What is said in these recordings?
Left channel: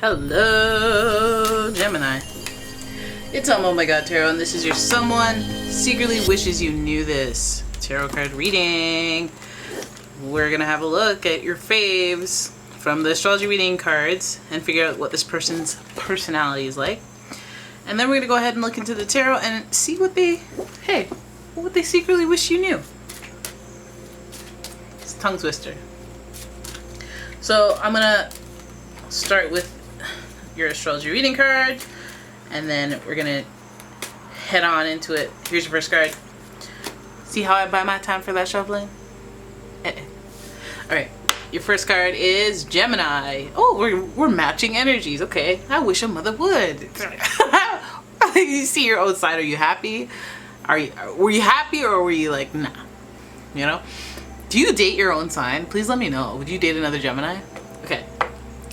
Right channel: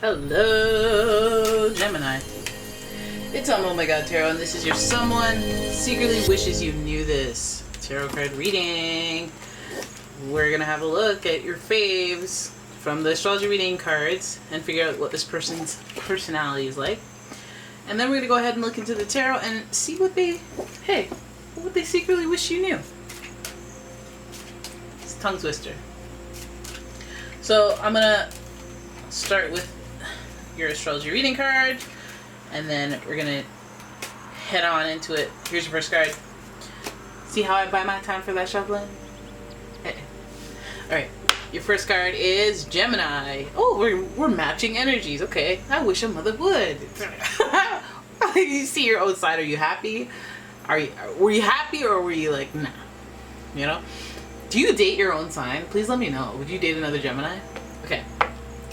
Hello, Gemini. It's umomgtarot, and this is your someone secretly wishes you knew this tarot card reading. We're gonna have a look at your faves from the astrology reading cards and figure out what this person's personality is like. And then we're gonna go ahead and look into the tarot and see what they secretly wish you knew. It's a tongue twister. So I'm gonna start with your astrology reading card, and then we're gonna head on into it. Here's your first card. See how I buy my time for that shuffling? Alright, your first card is Gemini. Oh, we're matching energies. Okay, I wish a mother would. You see your own side. Are you happy? Were you happy, or were you like, nah? You know? Do you date your own sign? Please let me know. Would you date another Gemini? Okay.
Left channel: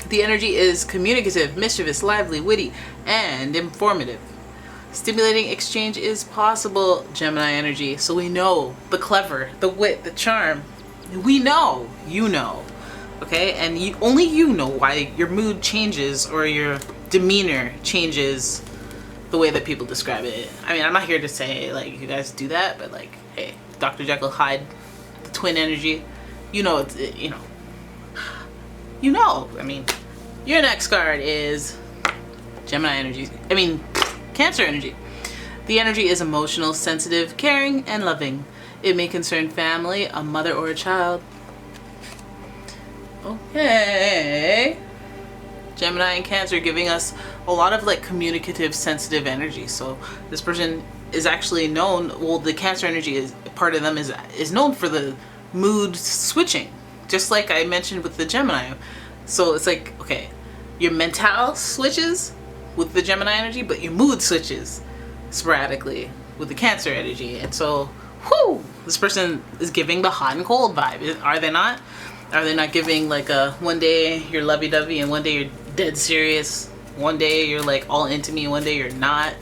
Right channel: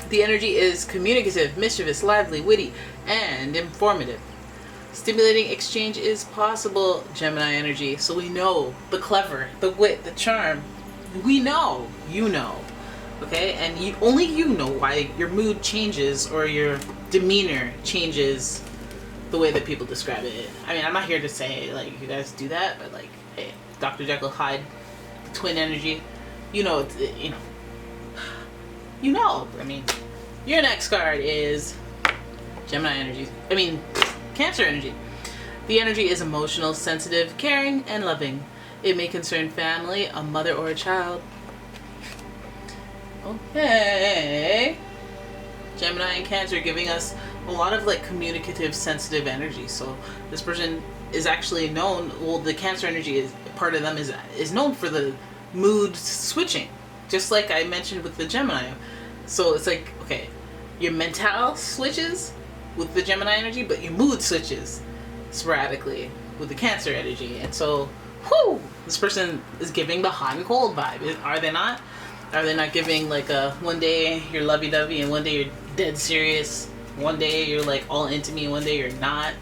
The energy is communicative, mischievous, lively, witty, and informative. Stimulating exchange is possible, Gemini energy. So we know the clever, the wit, the charm. We know. You know. Okay? And only you know why your mood changes or your demeanor changes the way that people describe it. I mean, I'm not here to say, like, you guys do that, but, like, hey, Dr. Jekyll, Hyde, the twin energy. You know, you know, I mean, your next card is Gemini energy. Cancer energy. The energy is emotional, sensitive, caring, and loving. It may concern family, a mother, or a child. Okay. Gemini and Cancer giving us a lot of, like, communicative, sensitive energy. So this person is actually known, well, the Cancer energy is part of them is known for the mood switching, just like I mentioned with the Gemini. So it's like, okay, your mental switches with the Gemini energy, but your mood switches sporadically with the Cancer energy. And so, whoo, this person is giving the hot and cold vibe. Are they not? Are they not giving, like, one day you're lovey-dovey and one day you're dead serious? One day you're, like, all into me and one day you're not?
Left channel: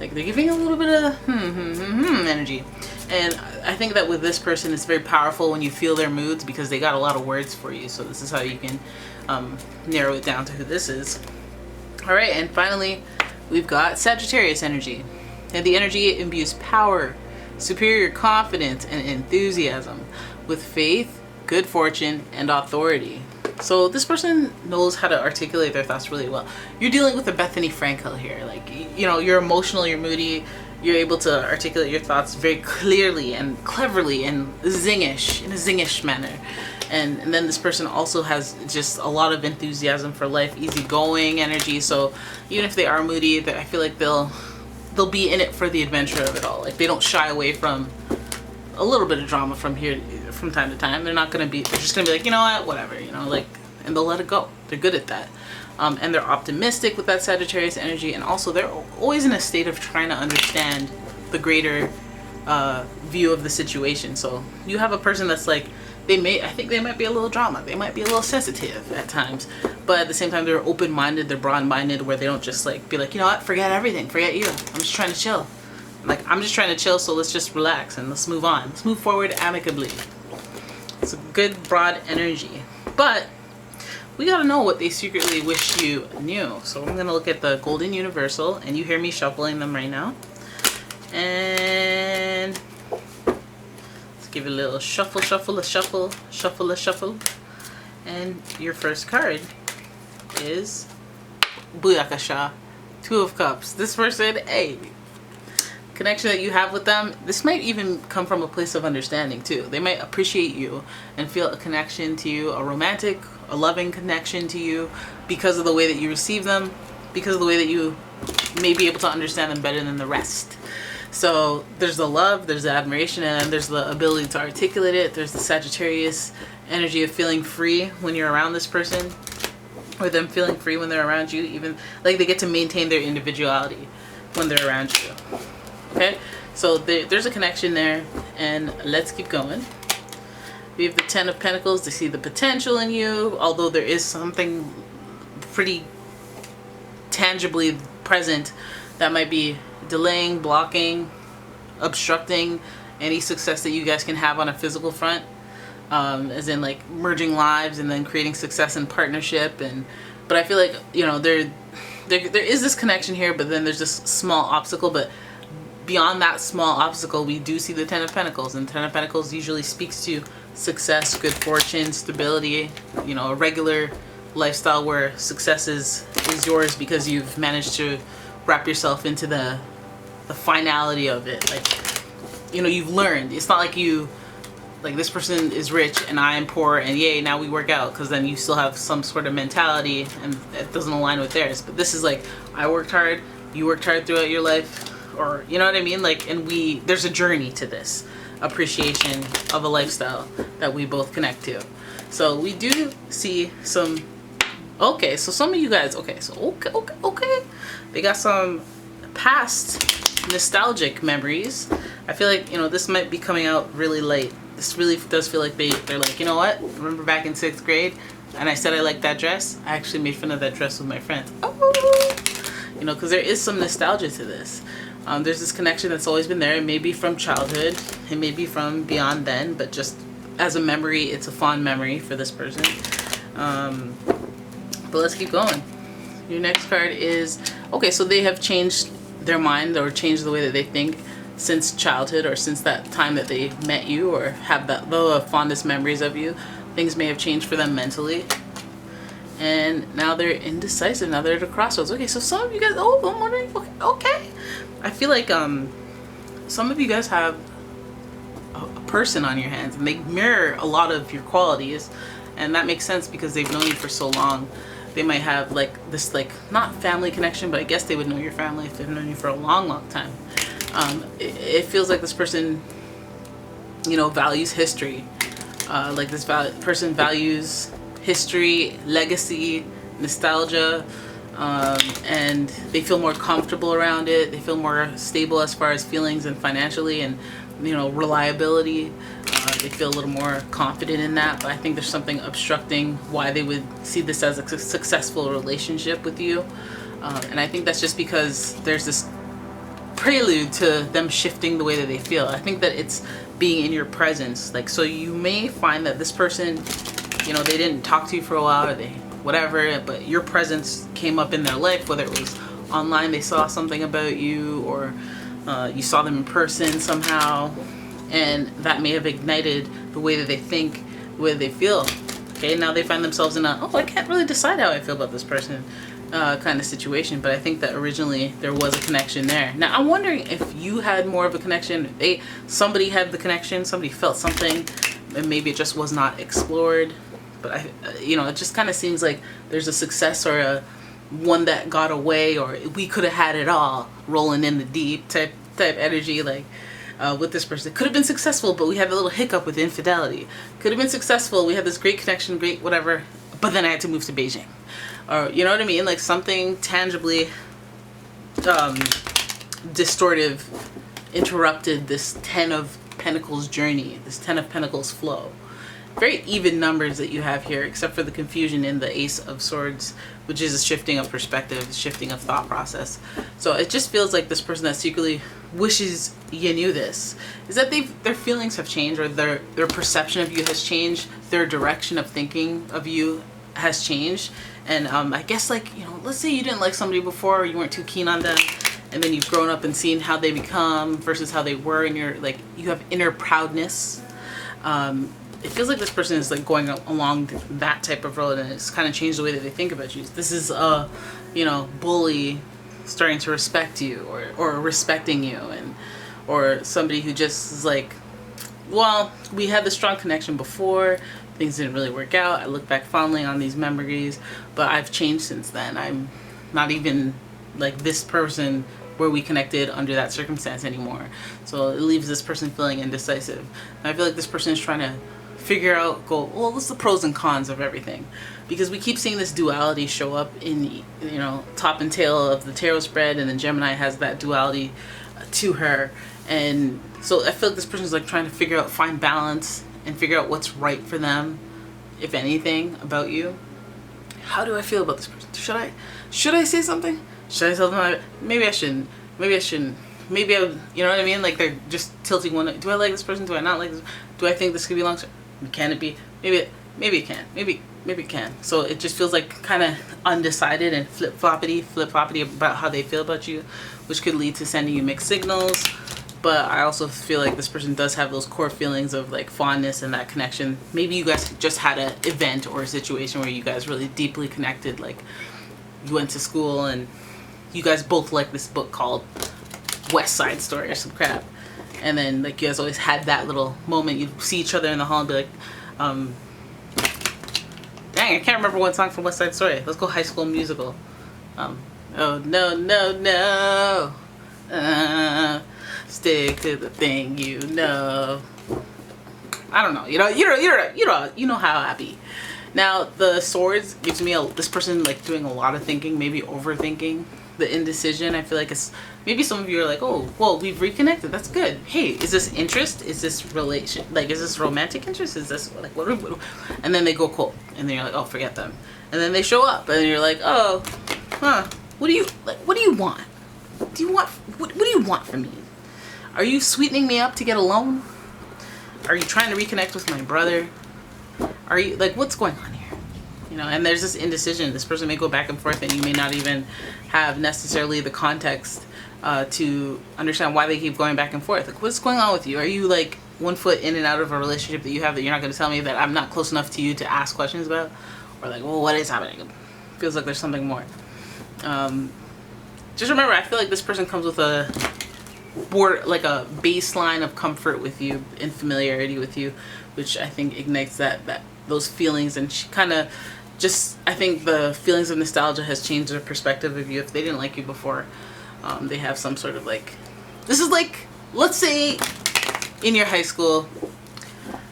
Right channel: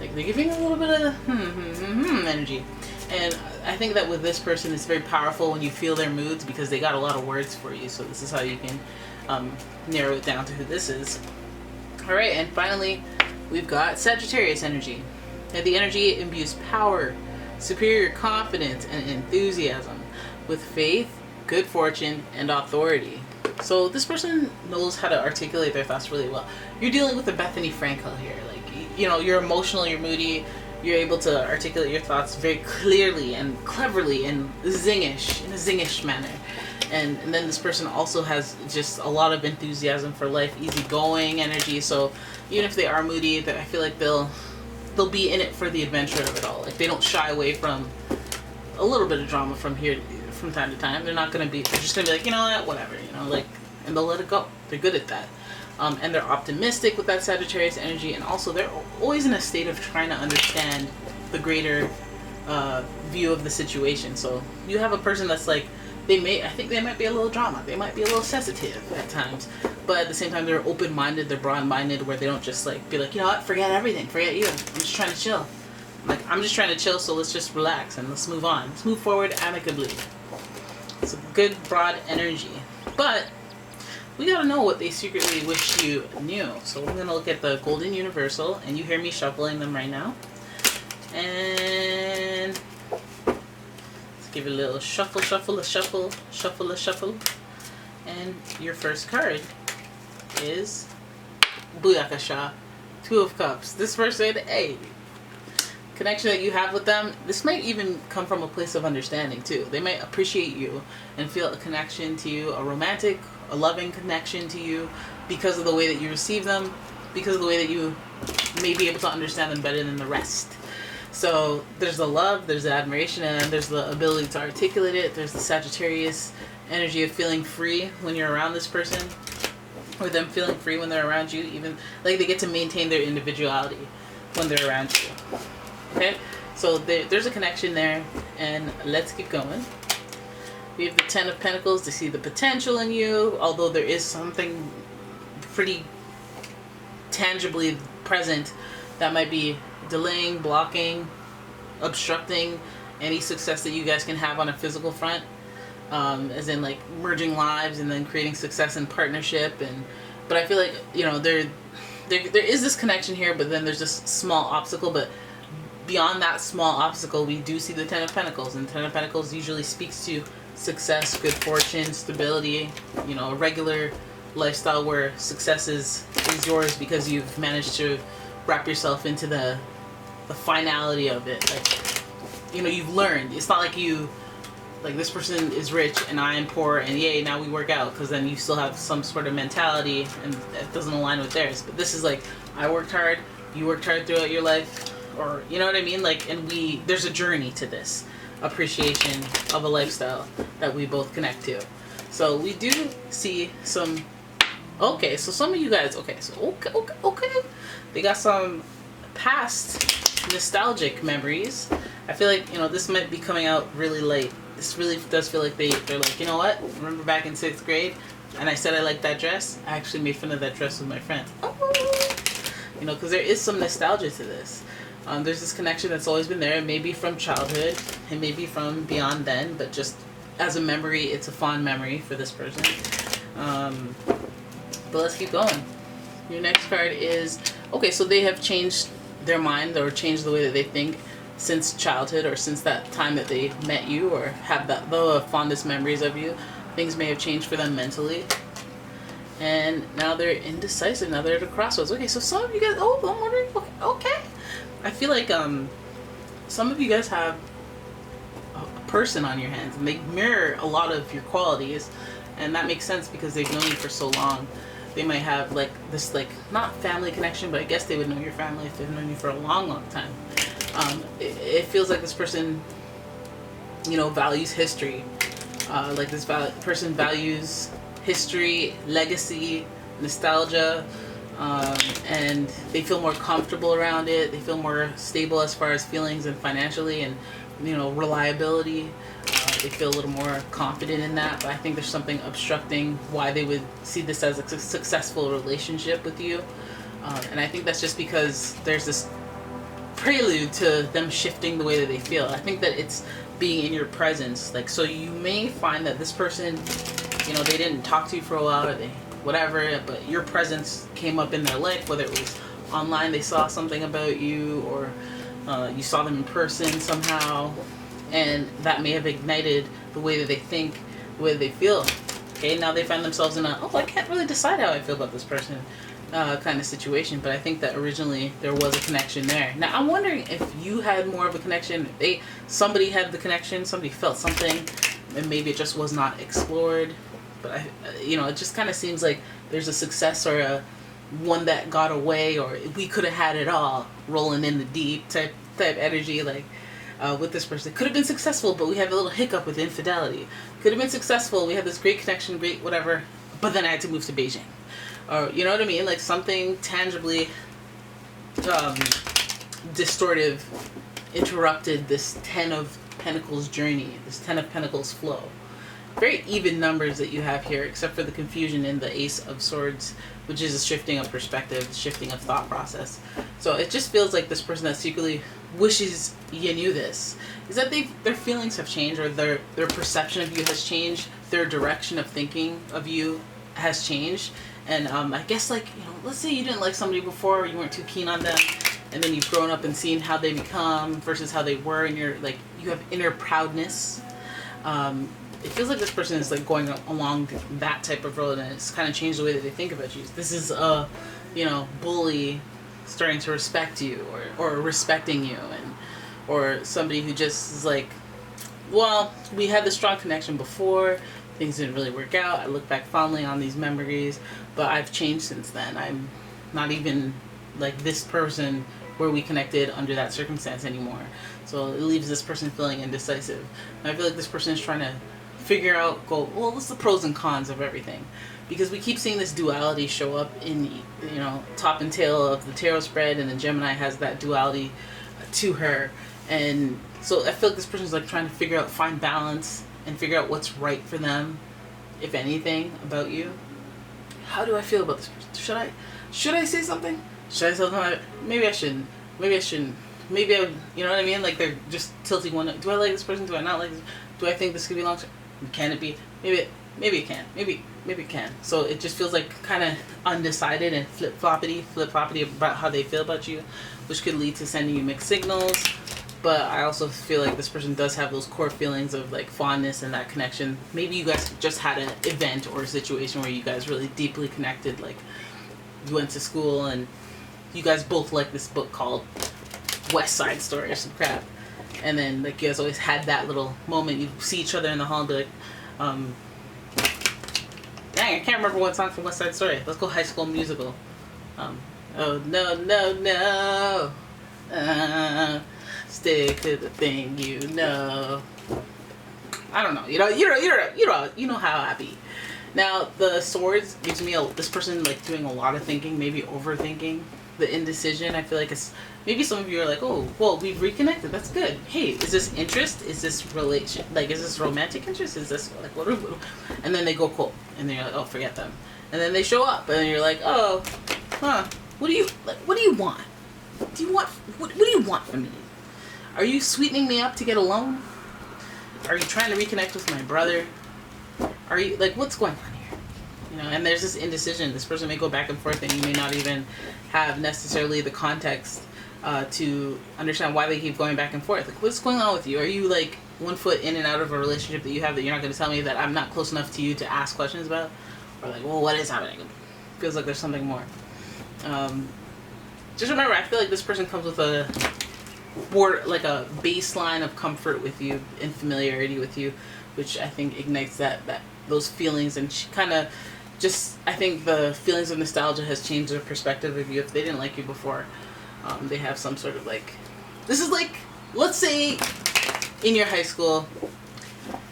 Like, they're giving a little bit of energy. And I think that with this person, it's very powerful when you feel their moods because they got a lot of words for you. So this is how you can narrow it down to who this is. Alright, and finally, we've got Sagittarius energy. And the energy imbues power, superior confidence, and enthusiasm with faith, good fortune, and authority. So this person knows how to articulate their thoughts really well. You're dealing with a Bethany Frankel here. Like, you know, you're emotional, you're moody, you're able to articulate your thoughts very clearly and cleverly and zingish, in a zingish manner. And then this person also has just a lot of enthusiasm for life, easygoing energy. So even if they are moody, I feel like they'll be in it for the adventure of it all. Like, they don't shy away from a little bit of drama from time to time. They're just gonna be like, you know what, whatever, you know, like, and they'll let it go. They're good at that. And they're optimistic with that Sagittarius energy, and also they're always in a state of trying to understand the greater view of the situation. So you have a person that's like, I think they might be a little drama, they might be a little sensitive at times, but at the same time they're open-minded, they're broad-minded, where they don't just, like, be like, you know what, forget everything, forget you, I'm just trying to chill. Like, I'm just trying to chill, so let's just relax and let's move on. Let's move forward amicably. It's a good, broad energy. But we gotta know what they secretly wish you knew. So I'm gonna look at the Golden Universal, and you hear me shuffling them right now. And let's give it a little shuffle, shuffle, a shuffle, shuffle, a shuffle. And your first card is Buyakasha, Two of Cups. This person, hey, connection that you have with them, this might even come from a place of understanding too. They might appreciate you and feel a connection to you, a romantic, a loving connection to you, because of the way that you receive them, because of the way that you may be able to understand them better than the rest. So there's the love, there's the admiration, and there's the ability to articulate it. There's the Sagittarius energy of feeling free when you're around this person, or them feeling free when they're around you. Even, like, they get to maintain their individuality when they're around you. Okay, so there's a connection there, and let's keep going. We have the Ten of Pentacles to see the potential in you, although there is something pretty tangibly present that might be delaying, blocking, obstructing any success that you guys can have on a physical front. As in, like, merging lives and then creating success in partnership and But I feel like, you know, there is this connection here, but then there's this small obstacle. But beyond that small obstacle, we do see the Ten of Pentacles, and the Ten of Pentacles usually speaks to success, good fortune, stability, you know, a regular lifestyle where success is yours because you've managed to wrap yourself into the finality of it. Like, you know, you've learned. It's not like you, like, this person is rich and I am poor and yay, now we work out, because then you still have some sort of mentality and it doesn't align with theirs. But this is like, I worked hard, you worked hard throughout your life, or, you know what I mean? Like, and there's a journey to this appreciation of a lifestyle that we both connect to. So we do see some, okay, so some of you guys, okay, they got some past nostalgic memories. I feel like, you know, this might be coming out really late. This really does feel like they're like, you know what, remember back in 6th grade and I said I liked that dress? I actually made fun of that dress with my friends. Oh! You know, because there is some nostalgia to this. There's this connection that's always been there. It may be from childhood, it may be from beyond then, but just as a memory, it's a fond memory for this person. But let's keep going. Your next card is, okay, so they have changed their mind or changed the way that they think since childhood, or since that time that they met you or have the fondest memories of you. Things may have changed for them mentally. And now they're indecisive. Now they're at a crossroads. Okay, so some of you guys, oh, I'm wondering, okay. I feel like some of you guys have a person on your hands and they mirror a lot of your qualities, and that makes sense because they've known you for so long. They might have like this, like, not family connection, but I guess they would know your family if they've known you for a long time. It feels like this person, you know, values history. Like this person values history, legacy, nostalgia, and they feel more comfortable around it. They feel more stable as far as feelings and financially, and, you know, reliability. They feel a little more confident in that, but I think there's something obstructing why they would see this as a successful relationship with you. And I think that's just because there's this prelude to them shifting the way that they feel. I think that it's being in your presence. Like, so you may find that this person, you know, they didn't talk to you for a while, or they whatever, but your presence came up in their life, whether it was online, they saw something about you, or you saw them in person somehow, and that may have ignited the way that they think, the way they feel. Okay, now they find themselves in a, oh, I can't really decide how I feel about this person kind of situation, but I think that originally there was a connection there. Now I'm wondering if you had more of a connection, somebody had the connection, somebody felt something, and maybe it just was not explored. But you know, it just kind of seems like there's a success or a one that got away, or we could have had it all, rolling in the deep type energy. Like with this person, it could have been successful, but we had a little hiccup with infidelity. Could have been successful, we had this great connection, great whatever, but then I had to move to Beijing, or you know what I mean, like something tangibly distortive interrupted this Ten of Pentacles journey, this Ten of Pentacles flow. Very even numbers that you have here, except for the confusion in the Ace of Swords, which is a shifting of perspective, shifting of thought process. So it just feels like this person that secretly wishes you knew this is that their feelings have changed, or their perception of you has changed, their direction of thinking of you has changed. And I guess, like, you know, let's say you didn't like somebody before, or you weren't too keen on them, and then you've grown up and seen how they become versus how they were, and you're like, you have inner proudness. It feels like this person is like going along that type of road, and it's kind of changed the way that they think about you. This is a, you know, bully starting to respect you, or respecting you, and or somebody who just is like, well, we had this strong connection before, things didn't really work out, I look back fondly on these memories, but I've changed since then. I'm not even like this person where we connected under that circumstance anymore. So it leaves this person feeling indecisive. And I feel like this person is trying to figure out, well, what's the pros and cons of everything? Because we keep seeing this duality show up in, you know, top and tail of the tarot spread, and then Gemini has that duality to her. And so I feel like this person's like trying to figure out, find balance, and figure out what's right for them, if anything, about you. How do I feel about this person? Should I say something? Should I tell them? Maybe I shouldn't. Maybe I shouldn't. Maybe I would, you know what I mean? Like they're just tilting one. Do I like this person? Do I not like this? Do I think this could be long term? Can it be? Maybe it can. Maybe maybe it can. So it just feels like kind of undecided and flip-floppity about how they feel about you, which could lead to sending you mixed signals. But I also feel like this person does have those core feelings of like fondness and that connection. Maybe you guys just had an event or a situation where you guys really deeply connected, like you went to school and you guys both like this book called West Side Story or some crap. And then like you guys always had that little moment. You see each other in the hall and be like, dang, I can't remember one song from West Side Story. Let's go High School Musical. Oh no, no, no. Stick to the thing you know. I don't know. You know how I be. Now the swords gives me this person like doing a lot of thinking, maybe overthinking. The indecision, I feel like it's maybe some of you are like, oh, well, we've reconnected. That's good. Hey, is this interest? Is this relation? Like, is this romantic interest? Is this like what? And then they go cold, and then you're like, oh, forget them. And then they show up, and you're like, oh, huh? What do you like? What do you want? Do you want what do you want from me? Are you sweetening me up to get a loan? Are you trying to reconnect with my brother? Are you like what's going on here? You know, and there's this indecision. This person may go back and forth, and you may not even have necessarily the context to understand why they keep going back and forth. Like, what's going on with you? Are you like one foot in and out of a relationship that you have that you're not going to tell me that I'm not close enough to you to ask questions about? Or like, well, what is happening? Feels like there's something more. Just remember, I feel like this person comes with a baseline of comfort with you and familiarity with you, which I think ignites those feelings, and she kind of just, I think the feelings of nostalgia has changed their perspective of you. If they didn't like you before, they have some sort of like, this is like, let's say in your high school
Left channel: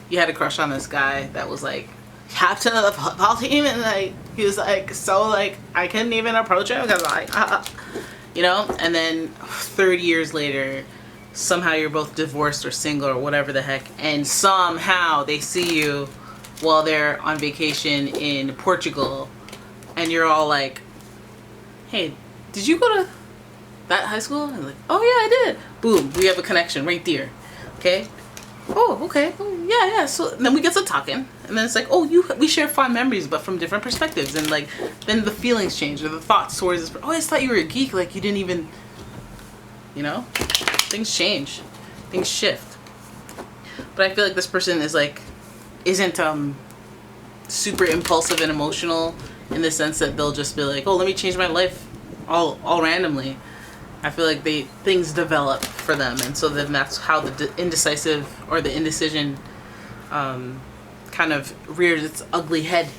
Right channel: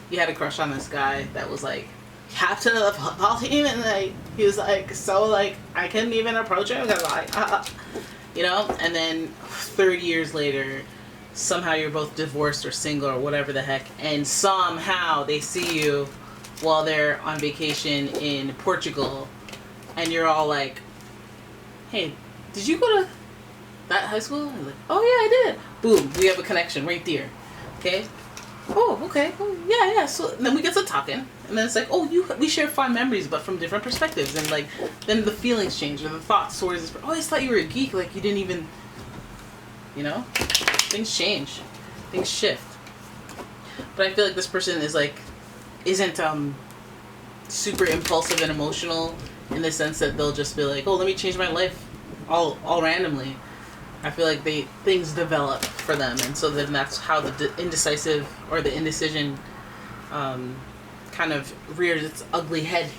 you had a crush on this guy that was like captain of the football team, and like he was like so like I couldn't even approach him because like you know, and then 30 years later somehow you're both divorced or single or whatever the heck, and somehow they see you while they're on vacation in Portugal, and you're all like, hey, did you go to that high school? And like, oh yeah, I did. Boom, we have a connection right there. Okay. Oh, okay. Oh, yeah. So then we get to talking, and then it's like, oh, we share fond memories, but from different perspectives, and like then the feelings change or the thoughts towards this. Oh, I just thought you were a geek. Like you didn't even, you know, things change, things shift. But I feel like this person is like, isn't super impulsive and emotional in the sense that they'll just be like, oh, let me change my life all randomly. I feel like things develop for them, and so then that's how the indecisive or the indecision kind of rears its ugly head.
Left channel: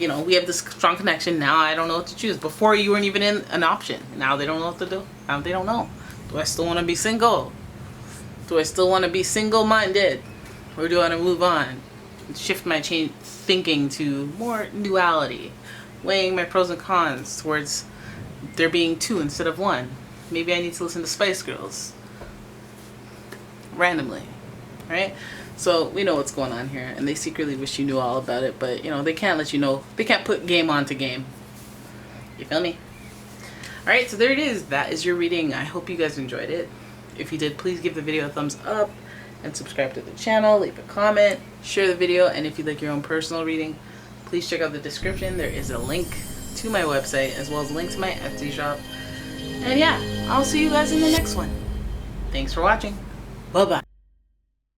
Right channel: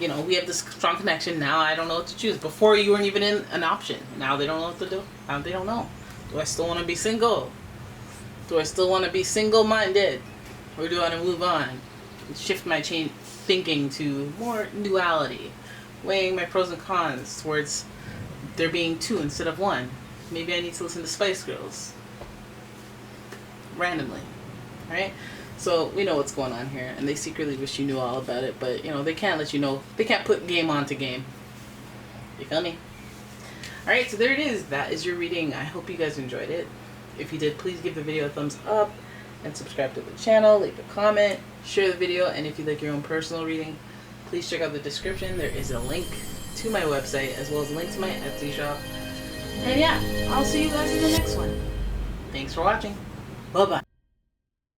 You know, we have this strong connection. Now I don't know what to choose. Before you weren't even in an option. Now they don't know what to do. Now they don't know. Do I still want to be single? Do I still want to be single-minded? Or do I want to move on? And shift my thinking to more duality. Weighing my pros and cons towards there being two instead of one. Maybe I need to listen to Spice Girls. Randomly. Right? So we know what's going on here. And they secretly wish you knew all about it. But, you know, they can't let you know. They can't put game onto game. You feel me? Alright, so there it is. That is your reading. I hope you guys enjoyed it. If you did, please give the video a thumbs up. And subscribe to the channel. Leave a comment. Share the video. And if you'd like your own personal reading, please check out the description. There is a link to my website as well as a link to my Etsy shop. And yeah, I'll see you guys in the next one. Thanks for watching. Bye-bye.